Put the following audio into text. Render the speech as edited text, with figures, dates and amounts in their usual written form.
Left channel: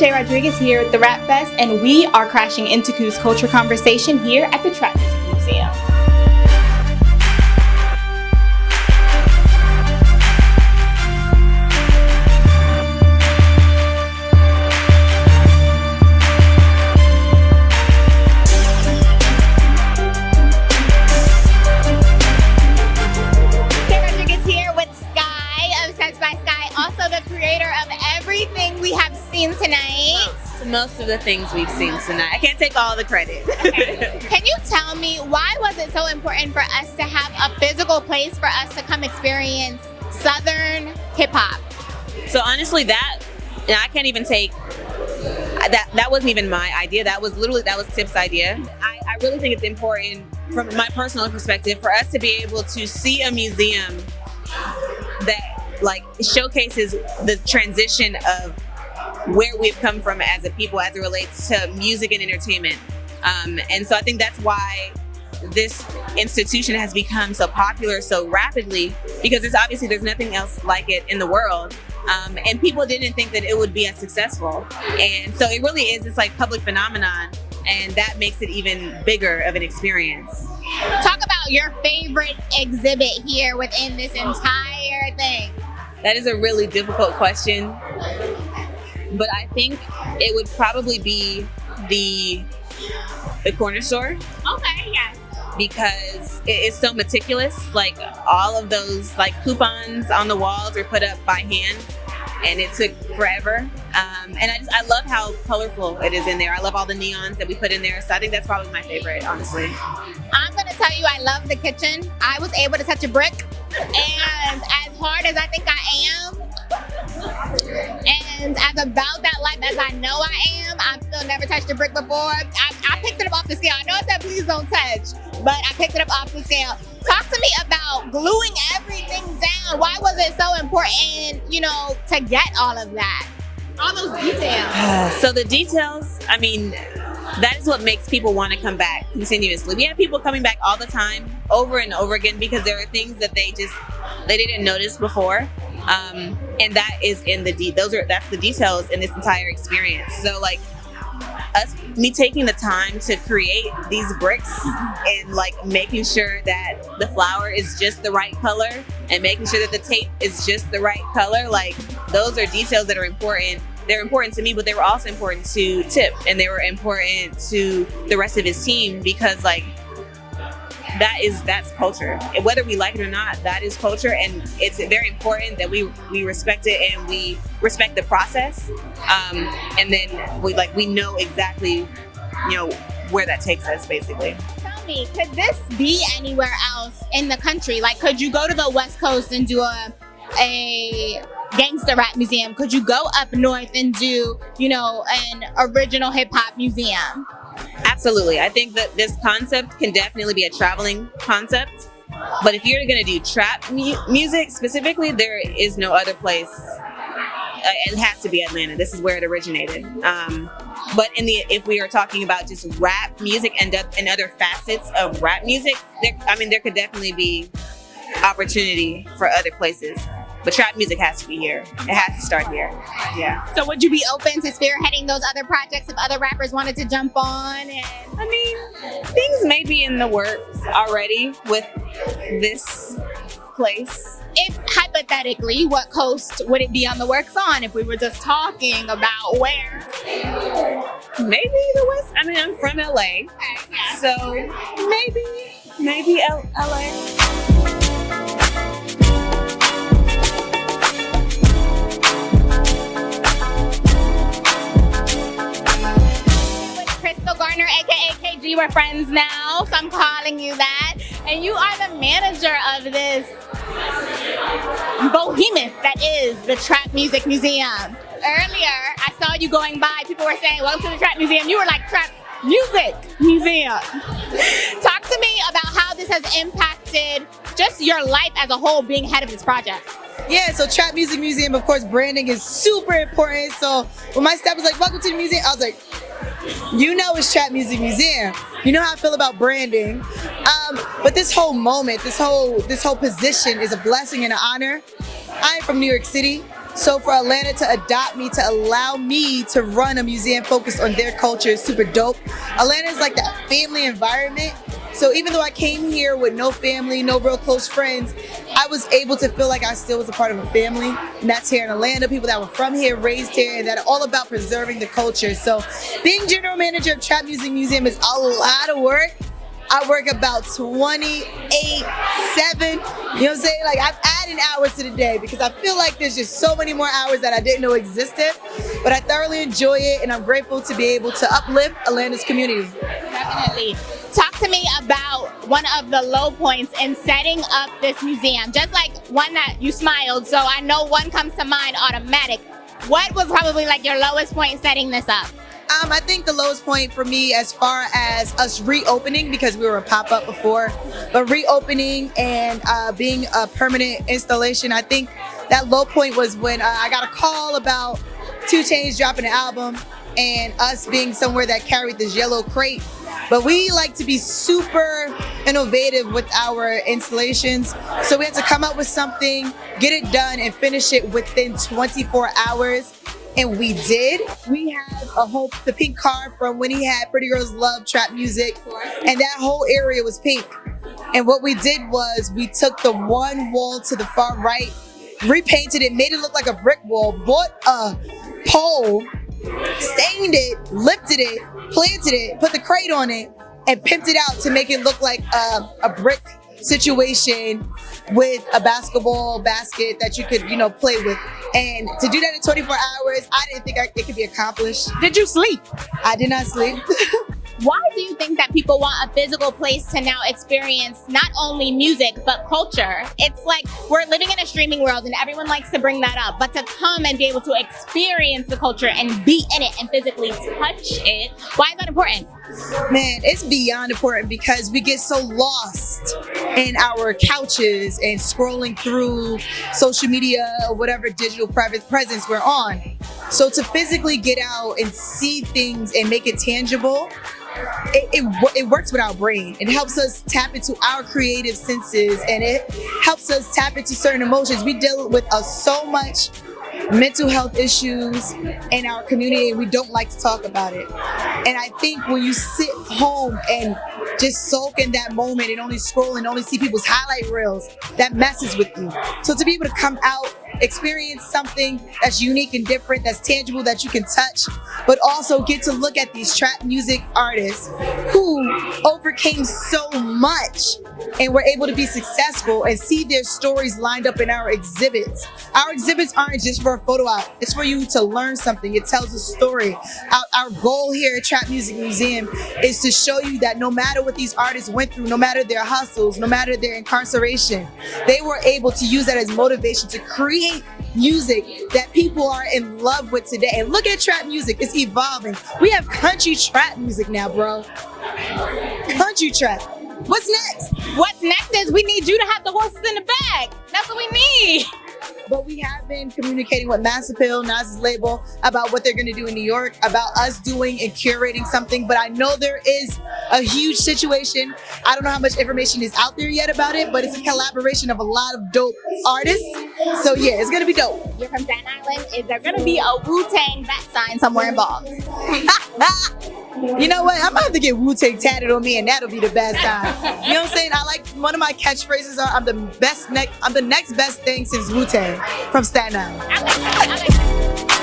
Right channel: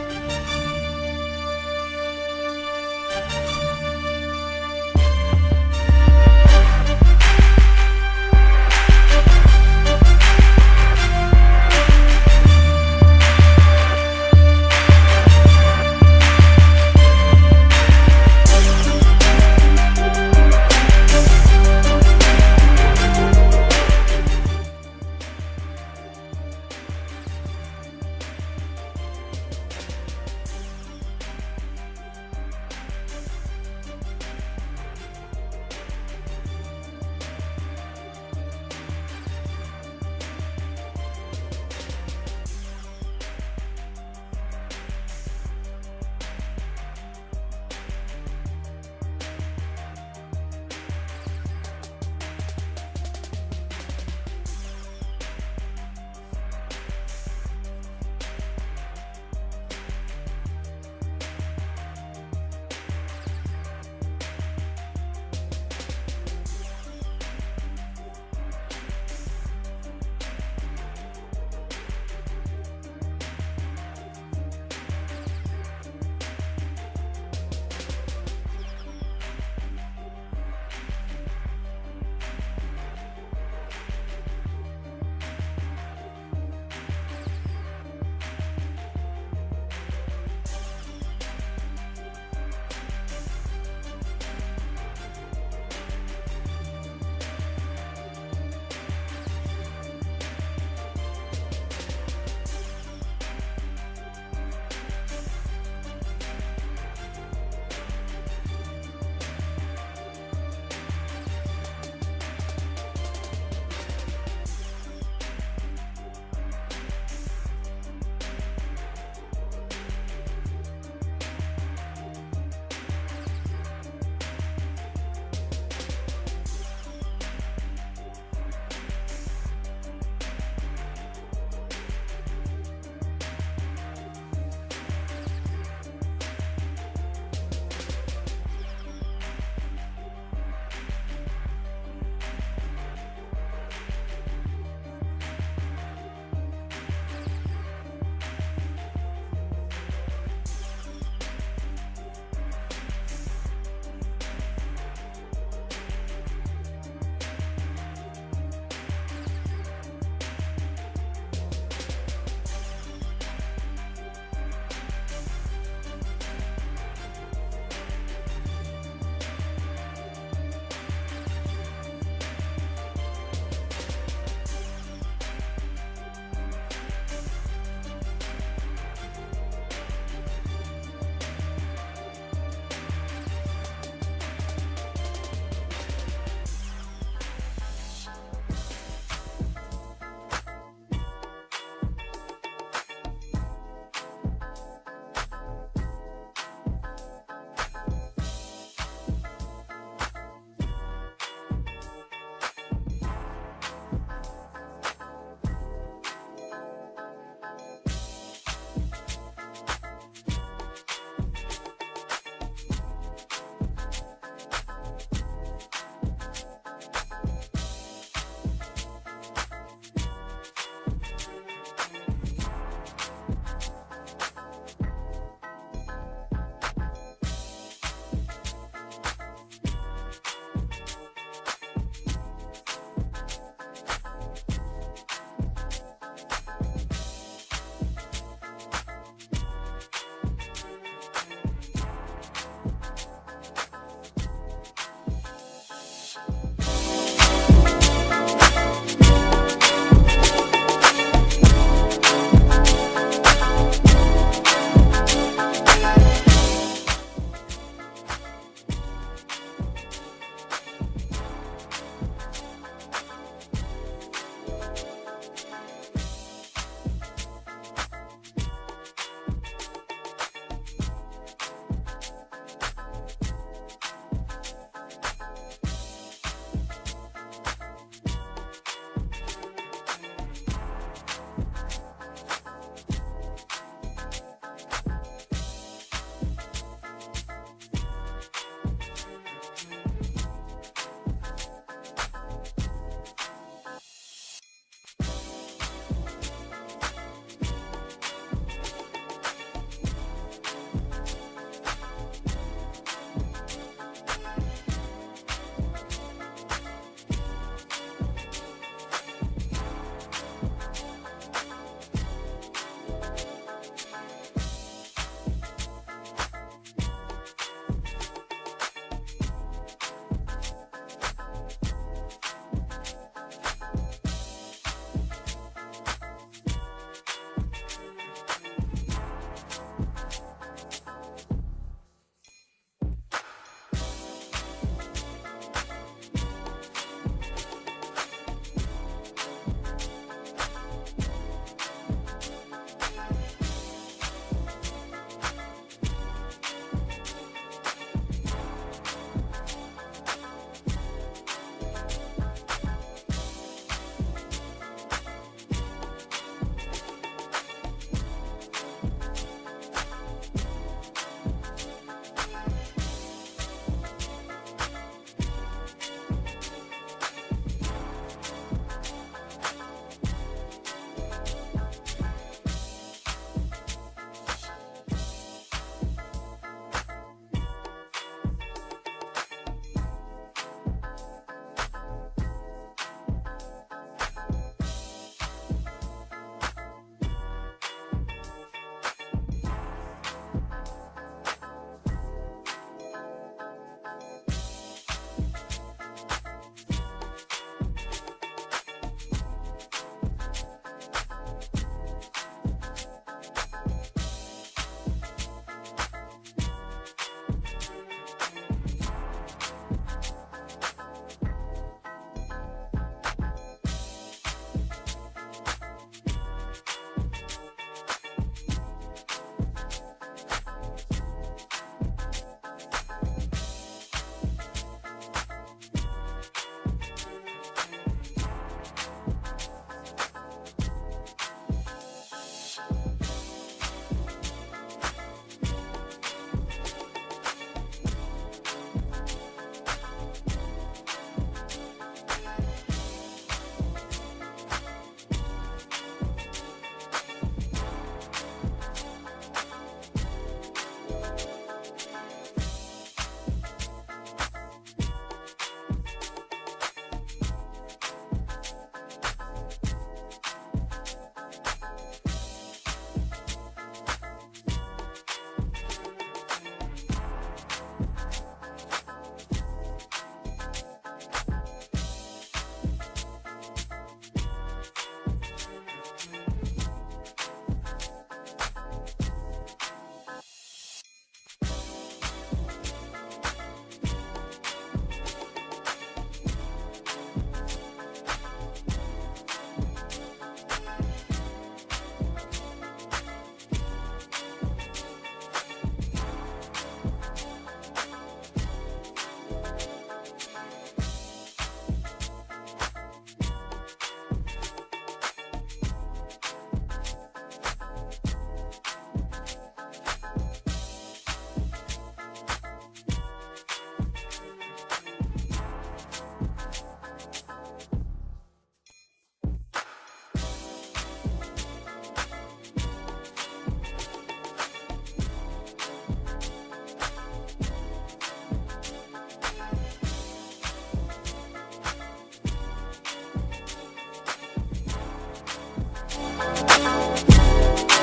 Chay Rodriguez here at the Rapfest, and we are crashing into Ku's culture conversation here at the Trap Museum. Most of the things we've seen tonight. I can't take all the credit. Okay. Can you tell me why was it so important for us to have a physical place for us to come experience Southern hip hop? So honestly, I can't even take that. That wasn't even my idea. That was Tip's idea. I really think it's important from my personal perspective for us to be able to see a museum that like showcases the transition of where we've come from as a people as it relates to music and entertainment. And so I think that's why this institution has become so popular so rapidly, because there's nothing else like it in the world. And people didn't think that it would be as successful. And so it really is this like public phenomenon, and that makes it even bigger of an experience. Talk about your favorite exhibit here within this entire thing. That is a really difficult question. But I think it would probably be the corner store. Okay, yeah. Because it is so meticulous. Like all of those like coupons on the walls are put up by hand, and it took forever. And I love how colorful it is in there. I love all the neons that we put in there. So I think that's probably my favorite, honestly. I'm gonna tell you, I love the kitchen. I was able to touch a brick, and as hard as I think I am, and as about that life as I know I am, I've still never touched a brick before. I picked it up off the scale. I know it said please don't touch, but I picked it up off the scale. Talk to me about gluing everything down. Why was it so important, to get all of that? All those details. So the details, that is what makes people want to come back continuously. We have people coming back all the time, over and over again, because there are things that they didn't notice before. And that is in that's the details in this entire experience. So like me taking the time to create these bricks and like making sure that the flour is just the right color and making sure that the tape is just the right color, like those are details that are important. They're important to me, but they were also important to Tip, and they were important to the rest of his team, because like that's culture. And whether we like it or not, that is culture, and it's very important that we respect it and we respect the process. And then we know exactly, where that takes us, basically. Tell me, could this be anywhere else in the country? Like, could you go to the West Coast and do a gangster rap museum? Could you go up north and do, an original hip hop museum? Absolutely. I think that this concept can definitely be a traveling concept. But if you're going to do trap music specifically, there is no other place. It has to be Atlanta. This is where it originated. But if we are talking about just rap music and other facets of rap music, there could definitely be opportunity for other places. But trap music has to be here. It has to start here. Yeah. So would you be open to spearheading those other projects if other rappers wanted to jump on? Things may be in the works already with this place. If hypothetically, what coast would it be on the works on if we were just talking about where? Maybe the West. I'm from LA. Okay, yeah. So maybe LA. Krystal Garner, aka KG, we're friends now, so I'm calling you that. And you are the manager of this behemoth that is the Trap Music Museum. Earlier, I saw you going by, people were saying, welcome to the Trap Museum. You were like, Trap Music Museum. Talk to me about how this has impacted just your life as a whole being head of this project. Yeah, so Trap Music Museum, of course, branding is super important. So when my staff was like, welcome to the museum, I was like, it's Trap Music Museum. You know how I feel about branding. But this whole moment, this whole position is a blessing and an honor. I'm from New York City, So for Atlanta to adopt me, to allow me to run a museum focused on their culture is super dope. Atlanta is like that family environment. So even though I came here with no family, no real close friends, I was able to feel like I still was a part of a family. And that's here in Atlanta, people that were from here, raised here, and that are all about preserving the culture. So being general manager of Trap Music Museum is a lot of work. I work about 28/7. You know what I'm saying? Like, I'm adding hours to the day because I feel like there's just so many more hours that I didn't know existed. But I thoroughly enjoy it, and I'm grateful to be able to uplift Atlanta's community. Definitely. Talk to me about one of the low points in setting up this museum. Just like one that you smiled, so I know one comes to mind automatic. What was probably like your lowest point in setting this up? I think the lowest point for me, as far as us reopening, because we were a pop-up before, but reopening and being a permanent installation, I think that low point was when I got a call about 2 Chainz dropping an album and us being somewhere that carried this yellow crate. But we like to be super innovative with our installations. So we had to come up with something, get it done, and finish it within 24 hours. And we did. We had the pink car from when he had Pretty Girls Love Trap Music, and that whole area was pink. And what we did was we took the one wall to the far right, repainted it, made it look like a brick wall, bought a pole, stained it, lifted it, planted it, put the crate on it, and pimped it out to make it look like a brick situation with a basketball basket that you could, play with. And to do that in 24 hours, I didn't think it could be accomplished. Did you sleep? I did not sleep. Why do you think that people want a physical place to now experience not only music, but culture? It's like we're living in a streaming world and everyone likes to bring that up, but to come and be able to experience the culture and be in it and physically touch it, why is that important? Man, it's beyond important because we get so lost in our couches and scrolling through social media or whatever digital private presence we're on. So to physically get out and see things and make it tangible, it works with our brain. It helps us tap into our creative senses, and it helps us tap into certain emotions. We deal with so much mental health issues in our community, and we don't like to talk about it. And I think when you sit home and just soak in that moment and only scroll and only see people's highlight reels, that messes with you. So to be able to come out, experience something that's unique and different, that's tangible, that you can touch, but also get to look at these trap music artists who overcame so much and were able to be successful, and see their stories lined up in our exhibits. Our exhibits aren't just for a photo op, it's for you to learn something. It tells a story. Our goal here at Trap Music Museum is to show you that no matter what these artists went through, no matter their hustles, no matter their incarceration, they were able to use that as motivation to create music that people are in love with today. And look at trap music, it's evolving. We have country trap music now, bro. Country trap. What's next? What's next is we need you to have the horses in the bag. That's what we need. But we have been communicating with Mass Appeal, Nas's label, about what they're going to do in New York, about us doing and curating something. But I know there is a huge situation. I don't know how much information is out there yet about it, but it's a collaboration of a lot of dope artists. So yeah, it's going to be dope. You're from Staten Island. Is there going to be a Wu-Tang bat sign somewhere involved? You know what? I'm about to get Wu-Tang tatted on me, and that'll be the best time. You know what I'm saying? I like, one of my catchphrases are, I'm the next best thing since Wu-Tang from Staten Island. I like